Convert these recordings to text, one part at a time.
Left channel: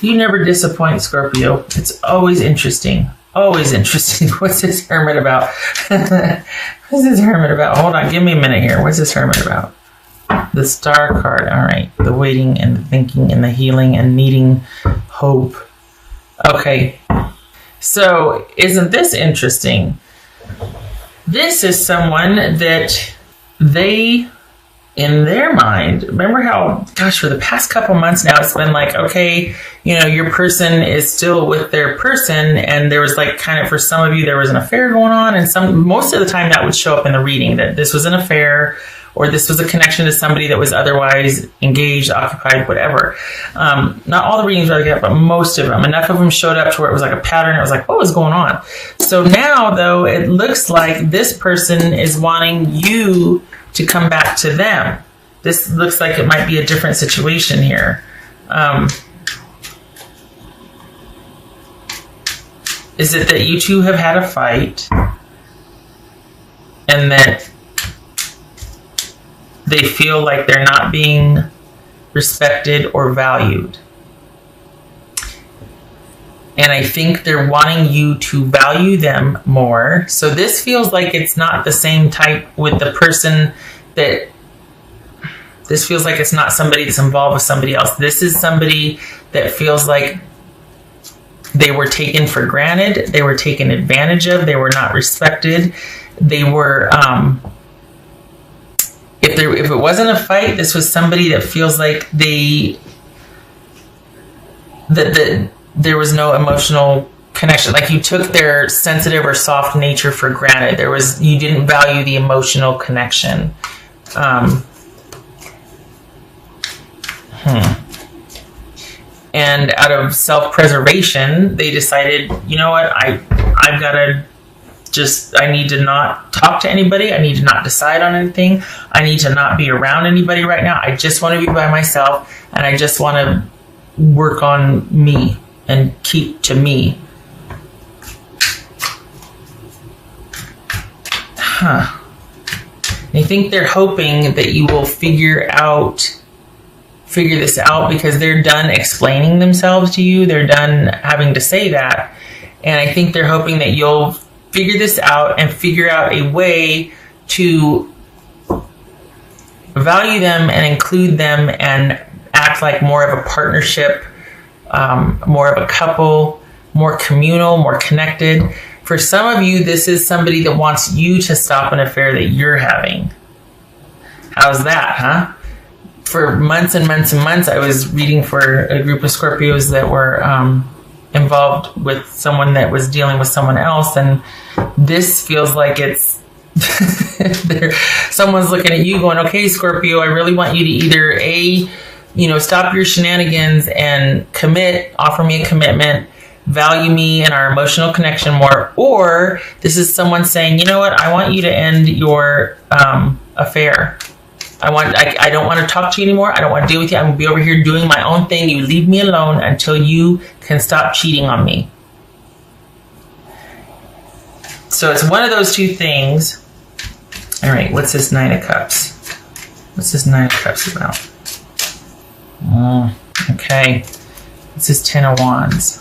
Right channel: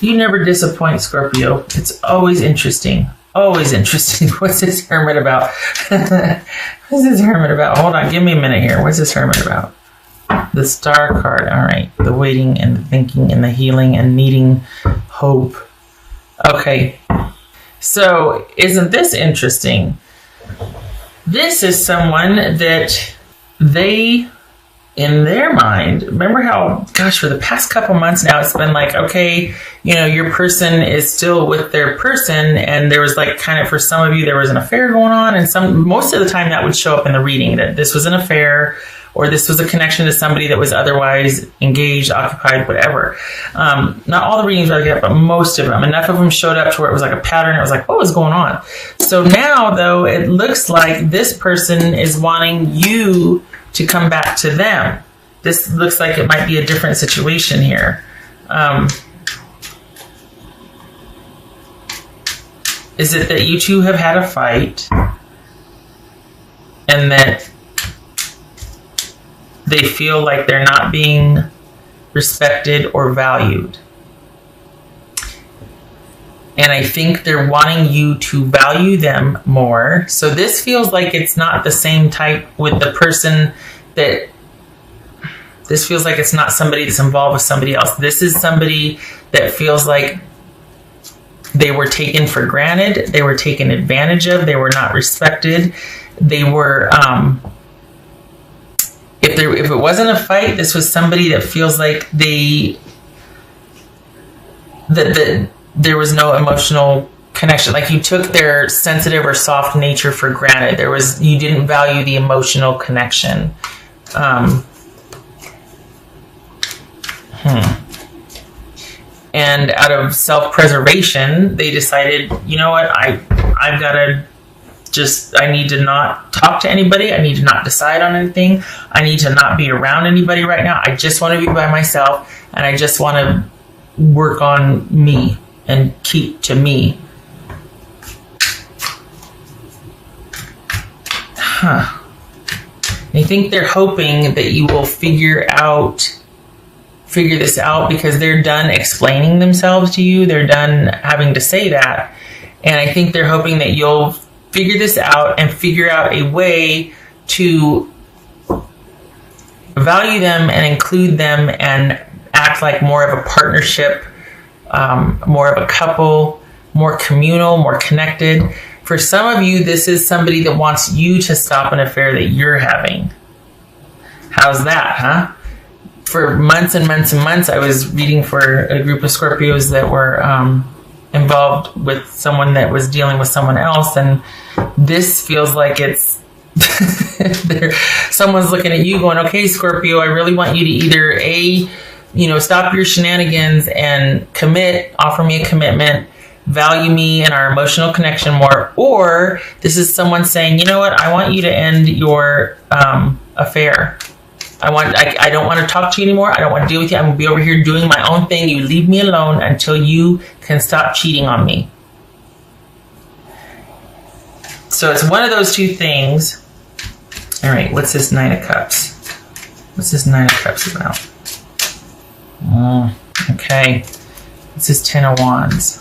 You never disappoint, Scorpio. It's always interesting. Always interesting. What's this Hermit about? What's this Hermit about? Hold on, give me a minute here. What's this Hermit about? The Star card. All right. The waiting and the thinking and the healing and needing hope. Okay. So, isn't this interesting? This is someone that they, in their mind, remember how, gosh, for the past couple months now, it's been like, okay, you know, your person is still with their person, and there was like kind of, for some of you, there was an affair going on, and most of the time that would show up in the reading, that this was an affair, or this was a connection to somebody that was otherwise engaged, occupied, whatever. Not all the readings are good, but most of them. Enough of them showed up to where it was like a pattern. It was like, what was going on? So now, though, it looks like this person is wanting you to come back to them. This looks like it might be a different situation here. Is it that you two have had a fight and that they feel like they're not being respected or valued? And I think they're wanting you to value them more. So this feels like it's not the same type with the person that... This feels like it's not somebody that's involved with somebody else. This is somebody that feels like they were taken for granted. They were taken advantage of. They were not respected. They were... If it wasn't a fight, this was somebody that feels like that there was no emotional connection. Like you took their sensitive or soft nature for granted. You didn't value the emotional connection. And out of self-preservation, they decided, you know what, I need to not talk to anybody. I need to not decide on anything. I need to not be around anybody right now. I just want to be by myself, and I just want to work on me and keep to me. I think they're hoping that you will figure this out because they're done explaining themselves to you. They're done having to say that. And I think they're hoping that you'll figure this out and figure out a way to value them and include them and act like more of a partnership, more of a couple, more communal, more connected. For some of you, this is somebody that wants you to stop an affair that you're having. How's that, huh? For months and months and months, I was reading for a group of Scorpios that were involved with someone that was dealing with someone else, and this feels like it's someone's looking at you going, okay, Scorpio, I really want you to either stop your shenanigans and commit, offer me a commitment, value me and our emotional connection more, or this is someone saying, you know what, I want you to end your affair. I don't want to talk to you anymore. I don't want to deal with you. I'm going to be over here doing my own thing. You leave me alone until you can stop cheating on me. So it's one of those two things. All right, what's this Nine of Cups? What's this Nine of Cups about? Okay. What's this Ten of Wands?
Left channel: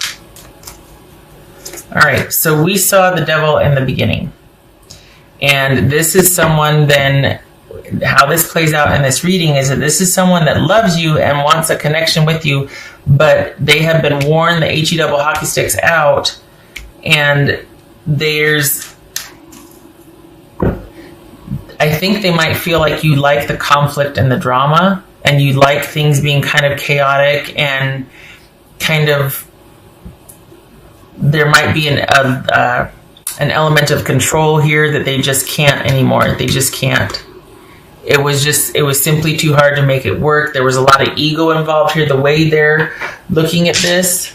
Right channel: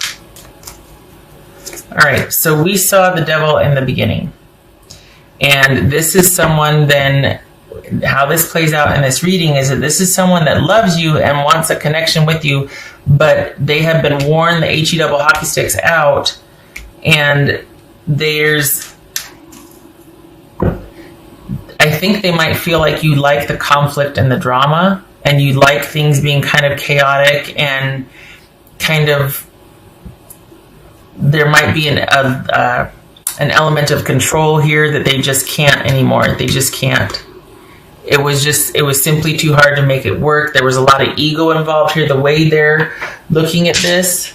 All right, so we saw the Devil in the beginning. And this is someone then... How this plays out in this reading is that this is someone that loves you and wants a connection with you, but they have been worn the HE double hockey sticks out, and I think they might feel like you like the conflict and the drama, and you like things being kind of chaotic and kind of, there might be an element of control here that they just can't anymore. They just can't. It was simply too hard to make it work. There was a lot of ego involved here, the way they're looking at this.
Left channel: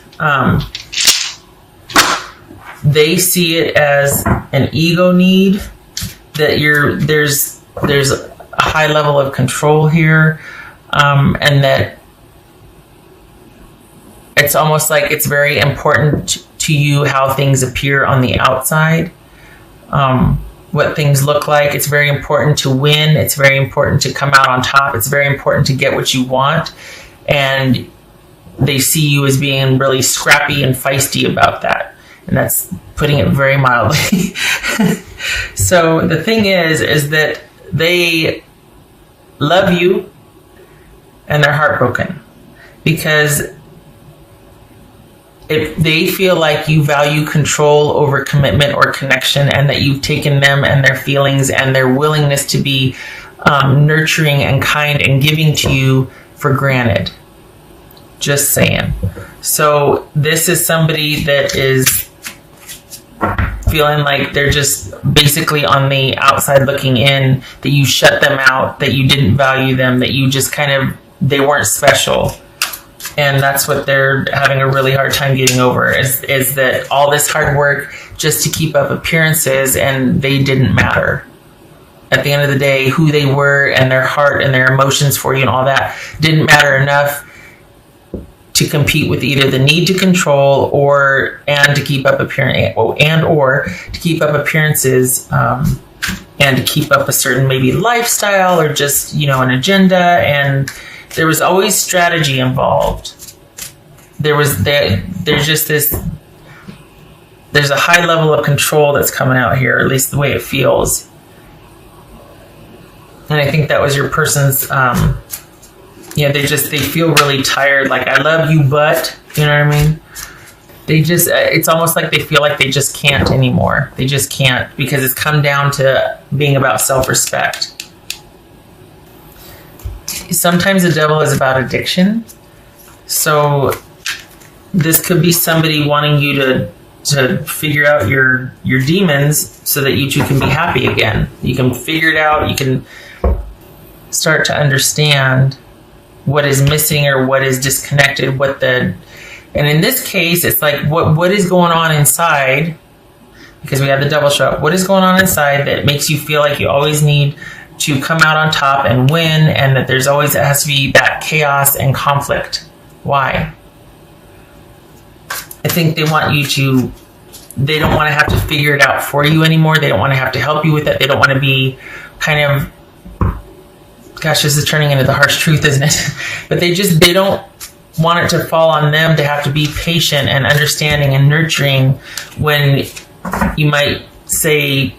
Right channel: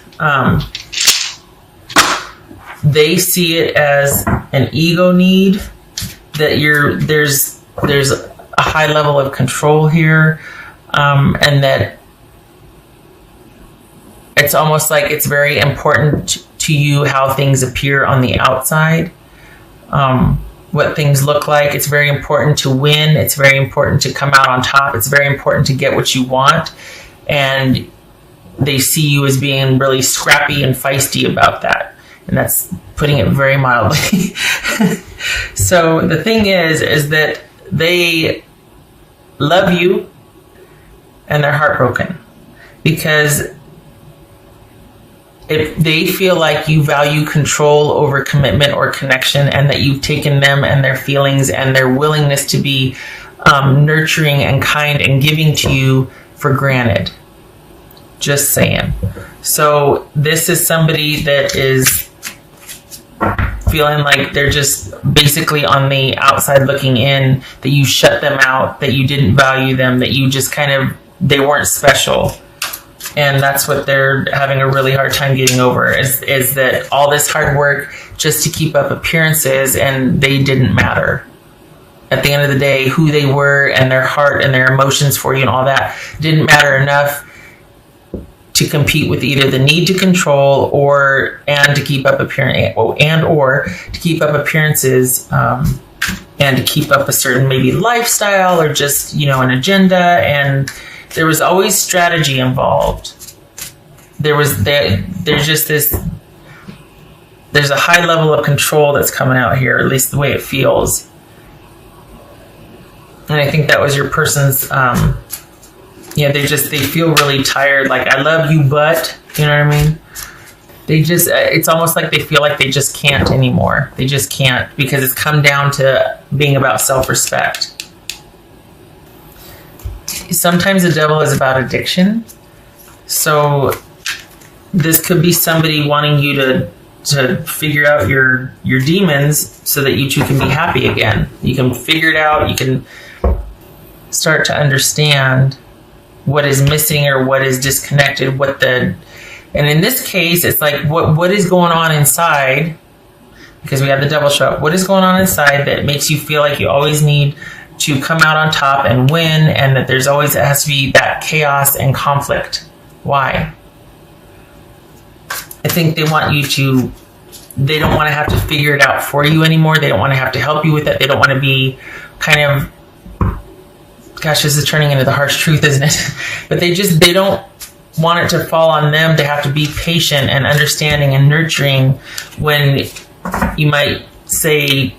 They see it as an ego need, that there's a high level of control here, and that it's almost like it's very important to you how things appear on the outside. What things look like. It's very important to win. It's very important to come out on top. It's very important to get what you want. And they see you as being really scrappy and feisty about that. And that's putting it very mildly. So the thing is that they love you and they're heartbroken because if they feel like you value control over commitment or connection, and that you've taken them and their feelings and their willingness to be nurturing and kind and giving to you for granted. Just saying. So this is somebody that is feeling like they're just basically on the outside looking in, that you shut them out, that you didn't value them, that you just they weren't special. And that's what they're having a really hard time getting over, is that all this hard work just to keep up appearances, and they didn't matter. At the end of the day, who they were and their heart and their emotions for you and all that didn't matter enough to compete with either the need to control and to keep up appearances and to keep up a certain maybe lifestyle or just, an agenda. And there was always strategy involved. There's a high level of control that's coming out here, at least the way it feels. And I think that was your person's, they feel really tired. Like, I love you, but, you know what I mean? It's almost like they feel like they just can't anymore. They just can't, because it's come down to being about self-respect. Sometimes the devil is about addiction. So this could be somebody wanting you to figure out your demons so that you two can be happy again. You can figure it out. You can start to understand what is missing or what is disconnected. And in this case, it's like what is going on inside, because we have the devil show up. What is going on inside that makes you feel like you always need to come out on top and win, and that there's always has to be that chaos and conflict? Why? I think they want you to, they don't want to have to figure it out for you anymore. They don't want to have to help you with it. They don't want to be kind of, gosh, this is turning into the harsh truth, isn't it? But they don't want it to fall on them. They have to be patient and understanding and nurturing when you might say,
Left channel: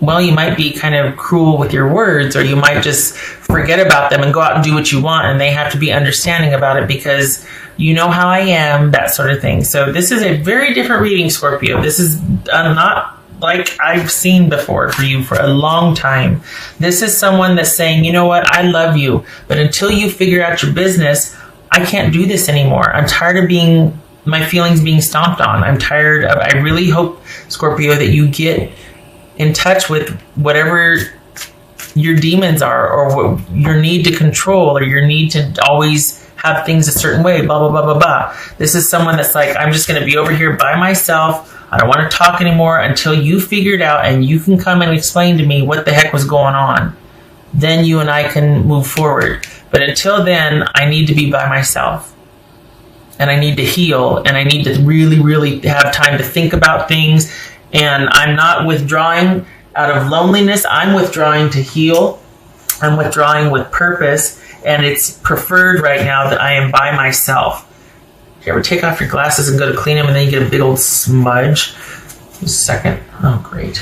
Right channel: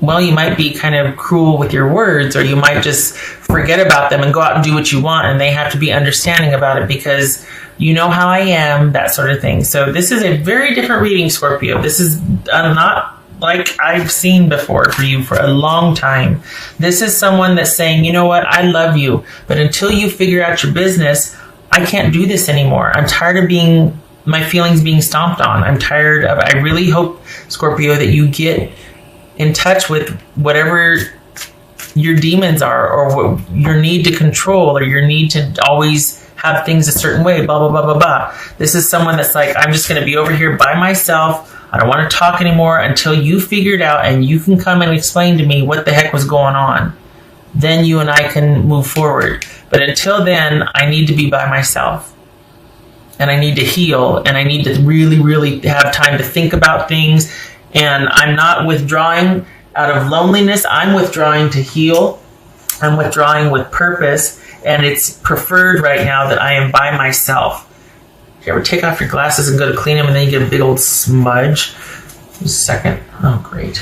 well, you might be kind of cruel with your words, or you might just forget about them and go out and do what you want, and they have to be understanding about it because you know how I am, that sort of thing. So this is a very different reading, Scorpio. This is not like I've seen before for you for a long time. This is someone that's saying, you know what, I love you, but until you figure out your business, I can't do this anymore. I'm tired of my feelings being stomped on. I really hope, Scorpio, that you get in touch with whatever your demons are, or what your need to control, or your need to always have things a certain way, blah, blah, blah, blah, blah. This is someone that's like, I'm just going to be over here by myself. I don't want to talk anymore until you figure it out and you can come and explain to me what the heck was going on. Then you and I can move forward. But until then, I need to be by myself. And I need to heal. And I need to really, really have time to think about things. And I'm not withdrawing out of loneliness. I'm withdrawing to heal. I'm withdrawing with purpose. And it's preferred right now that I am by myself. You ever take off your glasses and go to clean them and then you get a big old smudge? Just a second. Oh, great.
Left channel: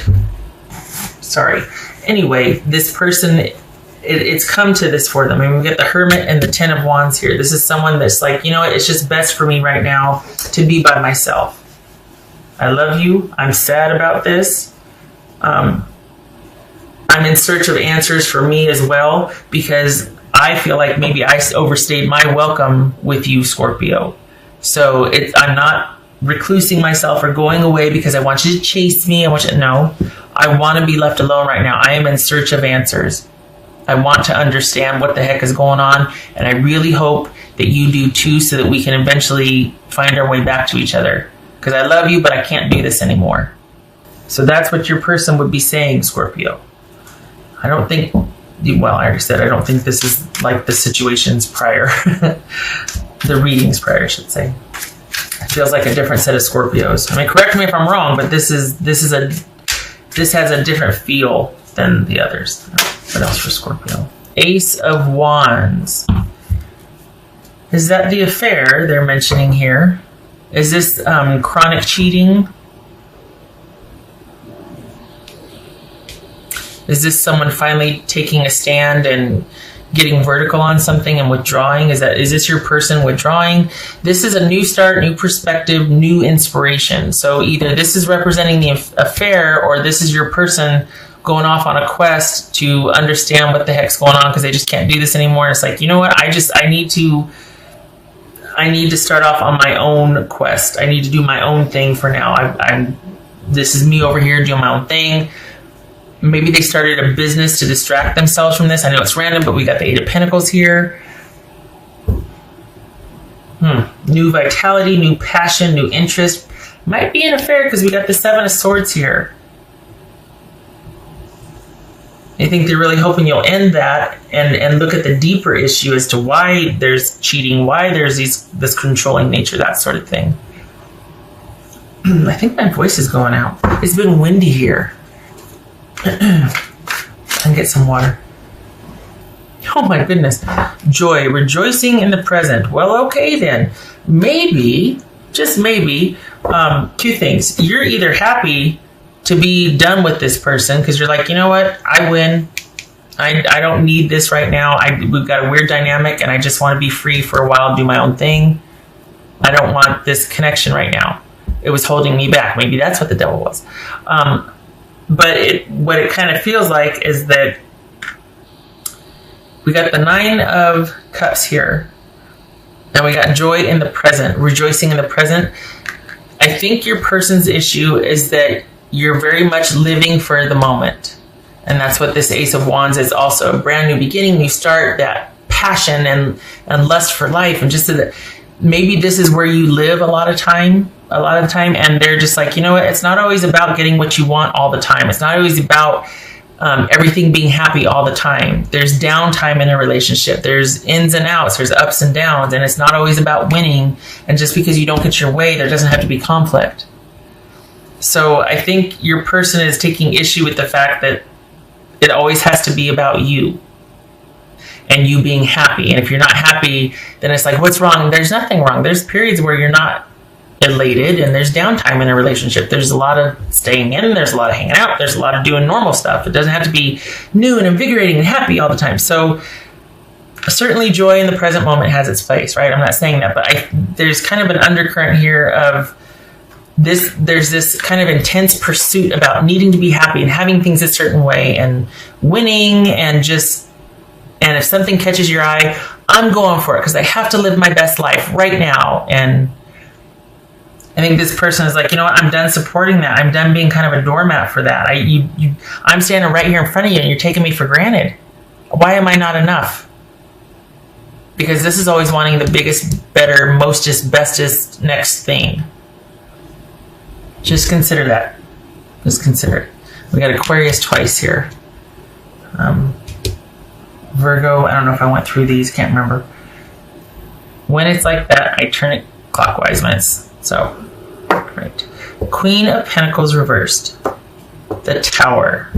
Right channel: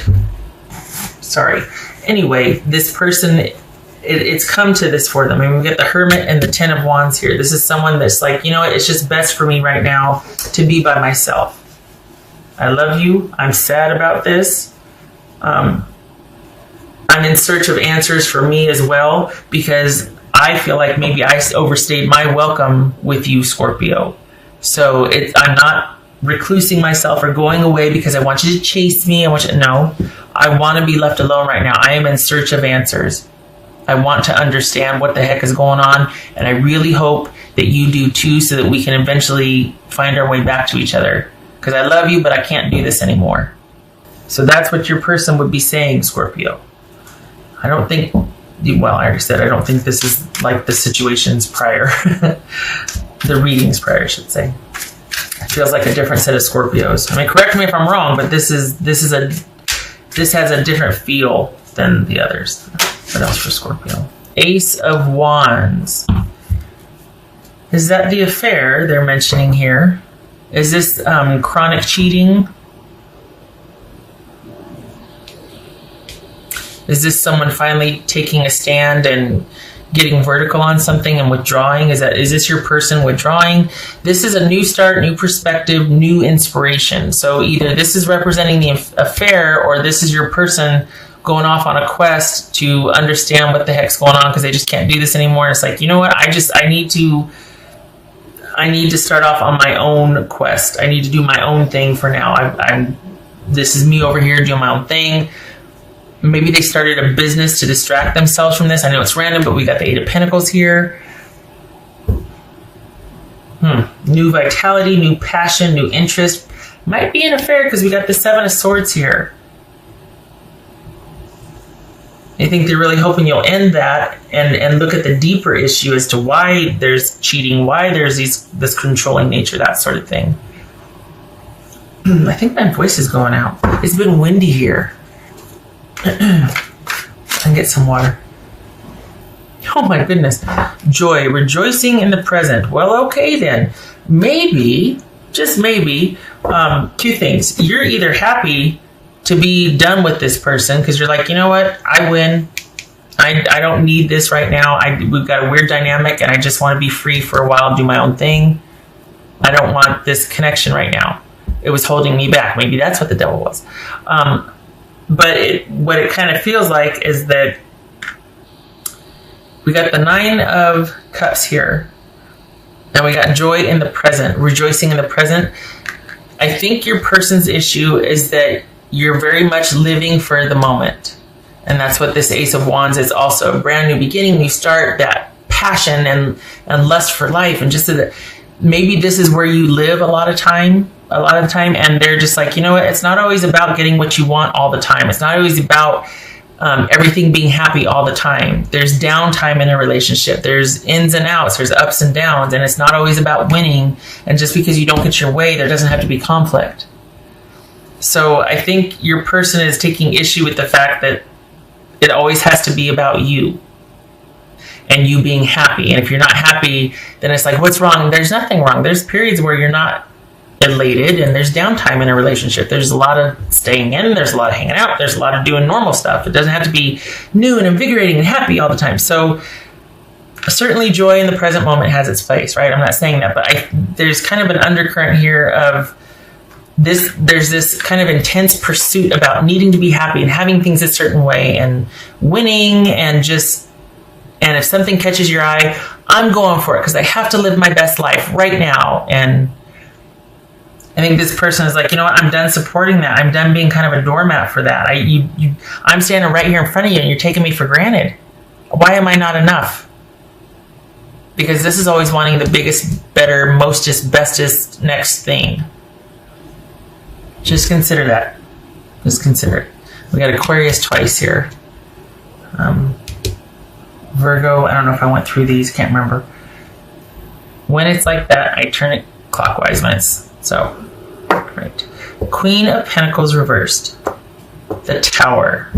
Sorry. Anyway, this person, it's come to this for them. I mean, we get the Hermit and the Ten of Wands here. This is someone that's like, you know what? It's just best for me right now to be by myself. I love you. I'm sad about this. I'm in search of answers for me as well, because I feel like maybe I overstayed my welcome with you, Scorpio. So I'm not reclusing myself or going away because I want you to chase me. No, I want to be left alone right now. I am in search of answers. I want to understand what the heck is going on, and I really hope that you do too, so that we can eventually find our way back to each other. Because I love you, but I can't do this anymore. So that's what your person would be saying, Scorpio. I don't think, well, I already said I don't think this is like the situations prior. The readings prior, I should say. It feels like a different set of Scorpios. I mean, correct me if I'm wrong, but this has a different feel than the others. That was for Scorpio. Ace of Wands. Is that the affair they're mentioning here? Is this chronic cheating? Is this someone finally taking a stand and getting vertical on something and withdrawing? Is this your person withdrawing? This is a new start, new perspective, new inspiration. So either this is representing the affair, or this is your person going off on a quest to understand what the heck's going on because they just can't do this anymore. It's like, you know what? I need to start off on my own quest. I need to do my own thing for now. This is me over here doing my own thing. Maybe they started a business to distract themselves from this. I know it's random, but we got the Eight of Pentacles here. New vitality, new passion, new interest. Might be an affair because we got the Seven of Swords here. I think they're really hoping you'll end that and look at the deeper issue as to why there's cheating, why there's this controlling nature, that sort of thing. I think my voice is going out. It's been windy here. I can get some water. Oh my goodness. Joy, rejoicing in the present. Well, okay then. Maybe, just maybe, two things. You're either happy to be done with this person because you're like, you know what? I win. I don't need this right now. We've got a weird dynamic and I just want to be free for a while and do my own thing. I don't want this connection right now. It was holding me back. Maybe that's what the devil was. But what it kind of feels like is that we got the Nine of Cups here. And we got joy in the present, rejoicing in the present. I think your person's issue is that you're very much living for the moment. And that's what this Ace of Wands is also. A brand new beginning. You start that passion and lust for life. And just so that maybe this is where you live a lot of the time. And they're just like, you know what? It's not always about getting what you want all the time. It's not always about everything being happy all the time. There's downtime in a relationship. There's ins and outs. There's ups and downs. And it's not always about winning. And just because you don't get your way, there doesn't have to be conflict. So I think your person is taking issue with the fact that it always has to be about you and you being happy. And if you're not happy, then it's like, what's wrong? There's nothing wrong. There's periods where you're not elated and there's downtime in a relationship. There's a lot of staying in. There's a lot of hanging out. There's a lot of doing normal stuff. It doesn't have to be new and invigorating and happy all the time. So certainly joy in the present moment has its place, right? I'm not saying that, but there's kind of an undercurrent here of this. There's this kind of intense pursuit about needing to be happy and having things a certain way and winning and if something catches your eye, I'm going for it because I have to live my best life right now. And I think this person is like, you know what? I'm done supporting that. I'm done being kind of a doormat for that. I'm standing right here in front of you and you're taking me for granted. Why am I not enough? Because this is always wanting the biggest, better, mostest, bestest next thing. Just consider that. Just consider it. We got Aquarius twice here. Virgo, I don't know if I went through these. Can't remember. When it's like that, I turn it clockwise when it's so. Right. Queen of Pentacles reversed. The Tower.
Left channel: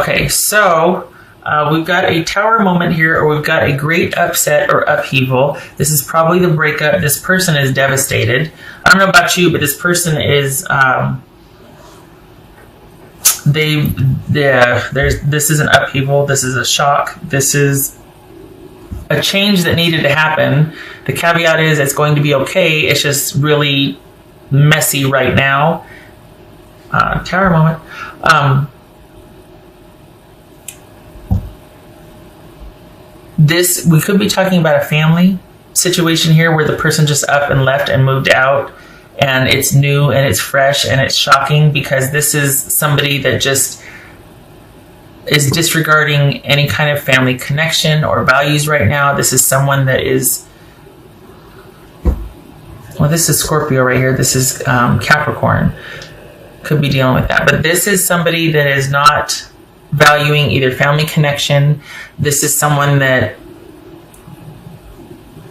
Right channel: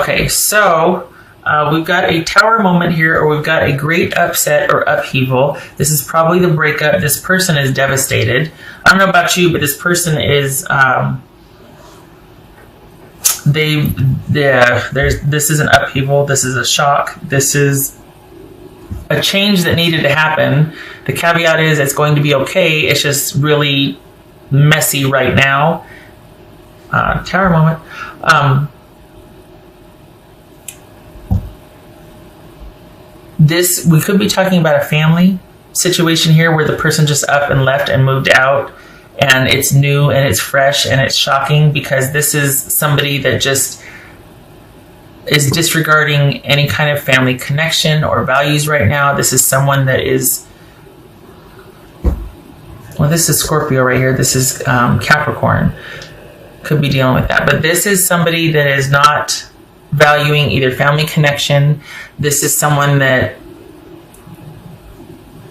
Okay, so we've got a tower moment here, or we've got a great upset or upheaval. This is probably the breakup. This person is devastated. I don't know about you, but this person is this is an upheaval. This is a shock. This is a change that needed to happen. The caveat is it's going to be okay. It's just really messy right now. Tower moment. We could be talking about a family situation here where the person just up and left and moved out, and it's new and it's fresh and it's shocking because this is somebody that just is disregarding any kind of family connection or values right now. This is someone that is, well, this is Scorpio right here. This is Capricorn. Could be dealing with that. But this is somebody that is not valuing either family connection. This is someone that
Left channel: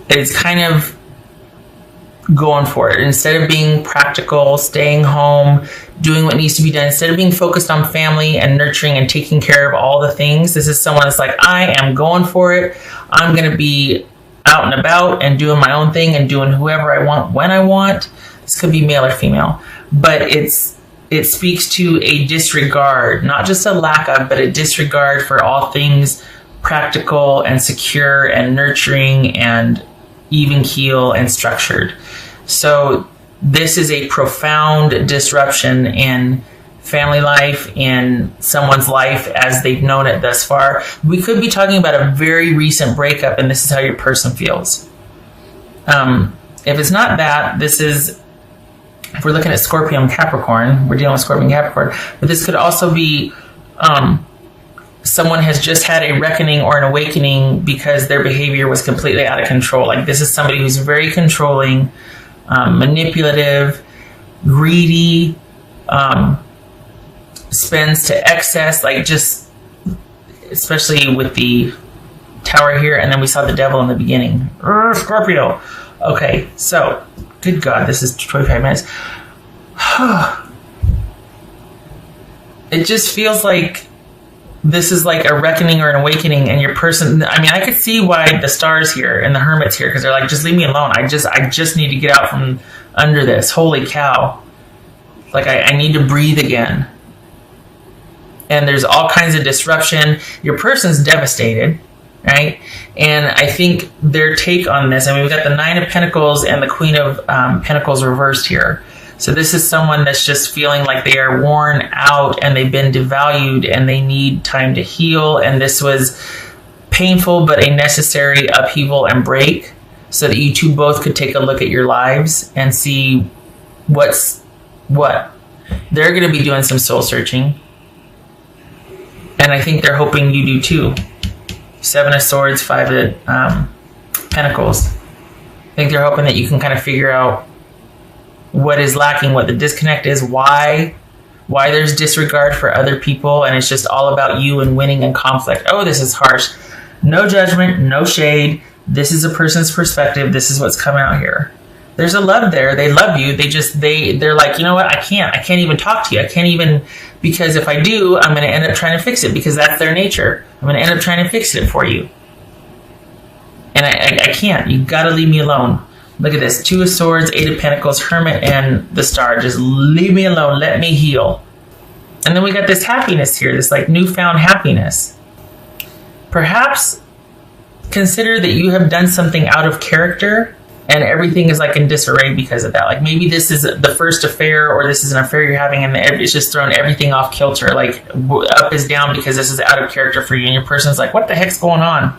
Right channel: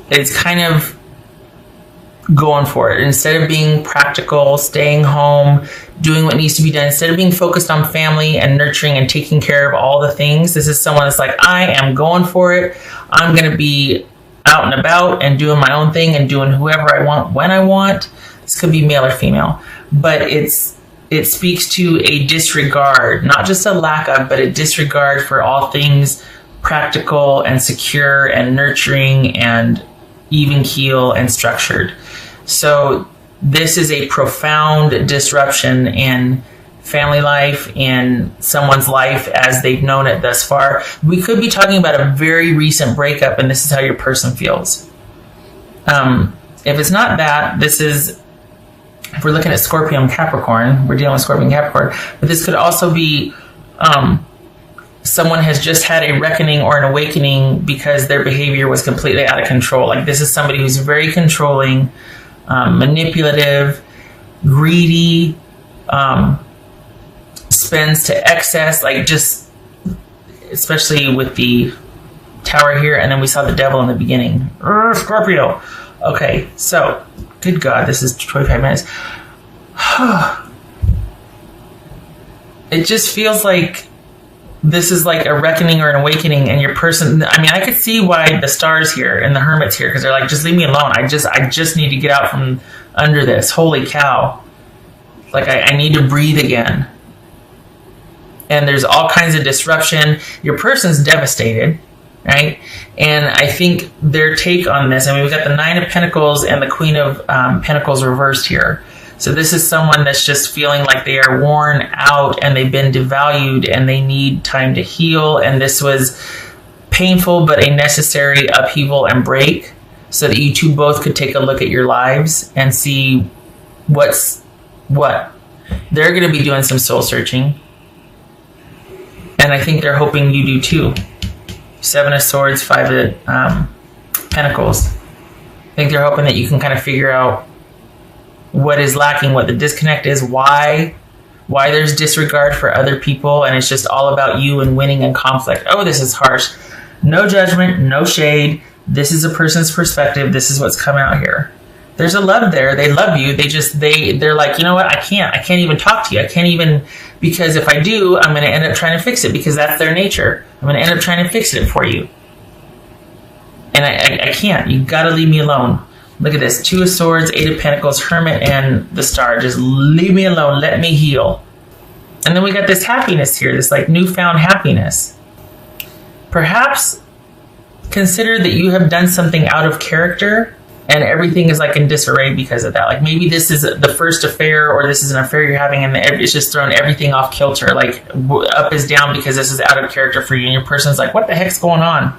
is kind of going for it. Instead of being practical, staying home, doing what needs to be done, instead of being focused on family and nurturing and taking care of all the things, this is someone that's like, I am going for it. I'm going to be out and about and doing my own thing and doing whoever I want when I want. This could be male or female, but it speaks to a disregard, not just a lack of, but a disregard for all things practical and secure and nurturing and even keel and structured. So this is a profound disruption in family life, in someone's life as they've known it thus far. We could be talking about a very recent breakup, and this is how your person feels. If it's not that, this is, if we're looking at Scorpio and Capricorn, we're dealing with Scorpio and Capricorn, but this could also be someone has just had a reckoning or an awakening because their behavior was completely out of control. Like, this is somebody who's very controlling, manipulative, greedy, spends to excess, like, just, especially with the Tower here, and then we saw the Devil in the beginning. Scorpio. Okay, so, good God, this is 25 minutes. It just feels like this is like a reckoning or an awakening, and your person, I mean, I could see why the Stars here and the Hermits here, because they're like, just leave me alone. I just need to get out from under this. Holy cow. Like, I need to breathe again. And there's all kinds of disruption. Your person's devastated, right? And I think their take on this, I mean, we've got the Nine of Pentacles and the Queen of Pentacles reversed here. So this is someone that's just feeling like they are worn out and they've been devalued and they need time to heal. And this was painful, but a necessary upheaval and break so that you two both could take a look at your lives and see what's what. They're going to be doing some soul searching. And I think they're hoping you do too. Seven of Swords, Five of Pentacles. I think they're hoping that you can kind of figure out what is lacking, what the disconnect is, why there's disregard for other people, and it's just all about you and winning and conflict. Oh, this is harsh. No judgment, no shade. This is a person's perspective. This is what's coming out here. There's a love there. They love you. They're like, you know what? I can't even talk to you. I can't even, because if I do, I'm going to end up trying to fix it, because that's their nature. I'm going to end up trying to fix it for you. And I can't. You've got to leave me alone. Look at this. Two of Swords, Eight of Pentacles, Hermit, and the Star. Just leave me alone. Let me heal. And then we got this happiness here, this like newfound happiness. Perhaps consider that you have done something out of character and everything is like in disarray because of that. Like, maybe this is the first affair, or this is an affair you're having and this has thrown everything off kilter. Like, up is down because this is out of character for you. And your person's like, what the heck's going on?